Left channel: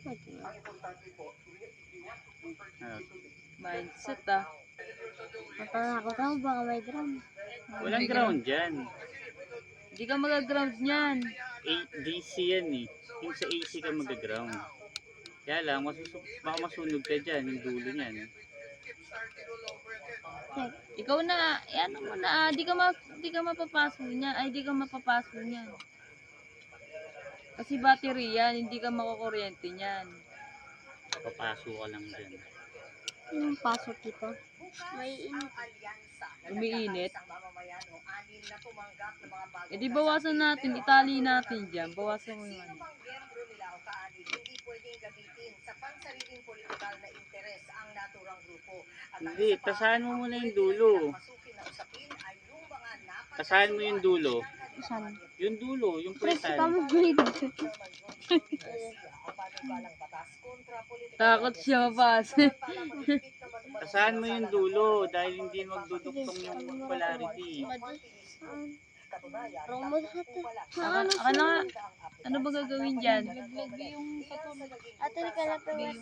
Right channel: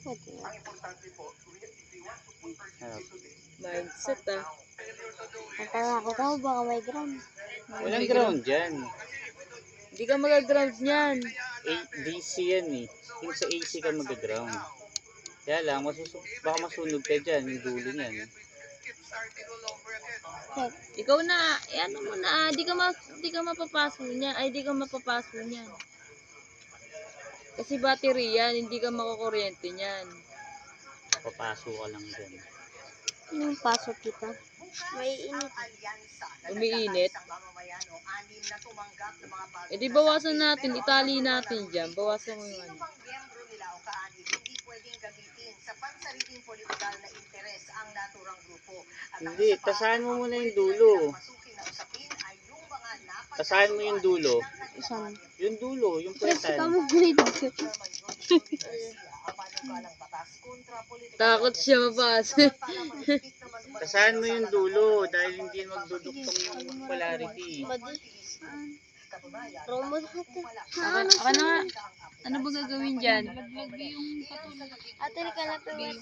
Pwede nga. Mindset ah. Natakot ako, baka may ground. Walang ground dyan. Hindi ka mag-ground niyan. DC yan eh. Yung sa AC ka mag-ground. Kaya lang, baka masunog ka dyan, yung dulo niyan. Check. Ikaw na, ano mo na, di ka mapapaso niyan. Ay, di ka mapapaso niyan. Kasi battery yan, hindi ka makukuryente niyan. Papasok ka lang dyan. Yung pasok dito. May init. Umiinit. E di bawasan natin, itali natin dyan. Bawasan mo yung ano. Hindi, tasahan mo muna yung dulo. Tasahan mo yung dulo. Saan? Yung dulo, yung Press ka puwetan. mo grid. Takot siya mapasa. Tasahan mo yung dulo dahil hindi magduduktong yung polarity. Saan? Promo natin. Aka na nga. Ano ba gagawin dyan? Ate, nakalap yung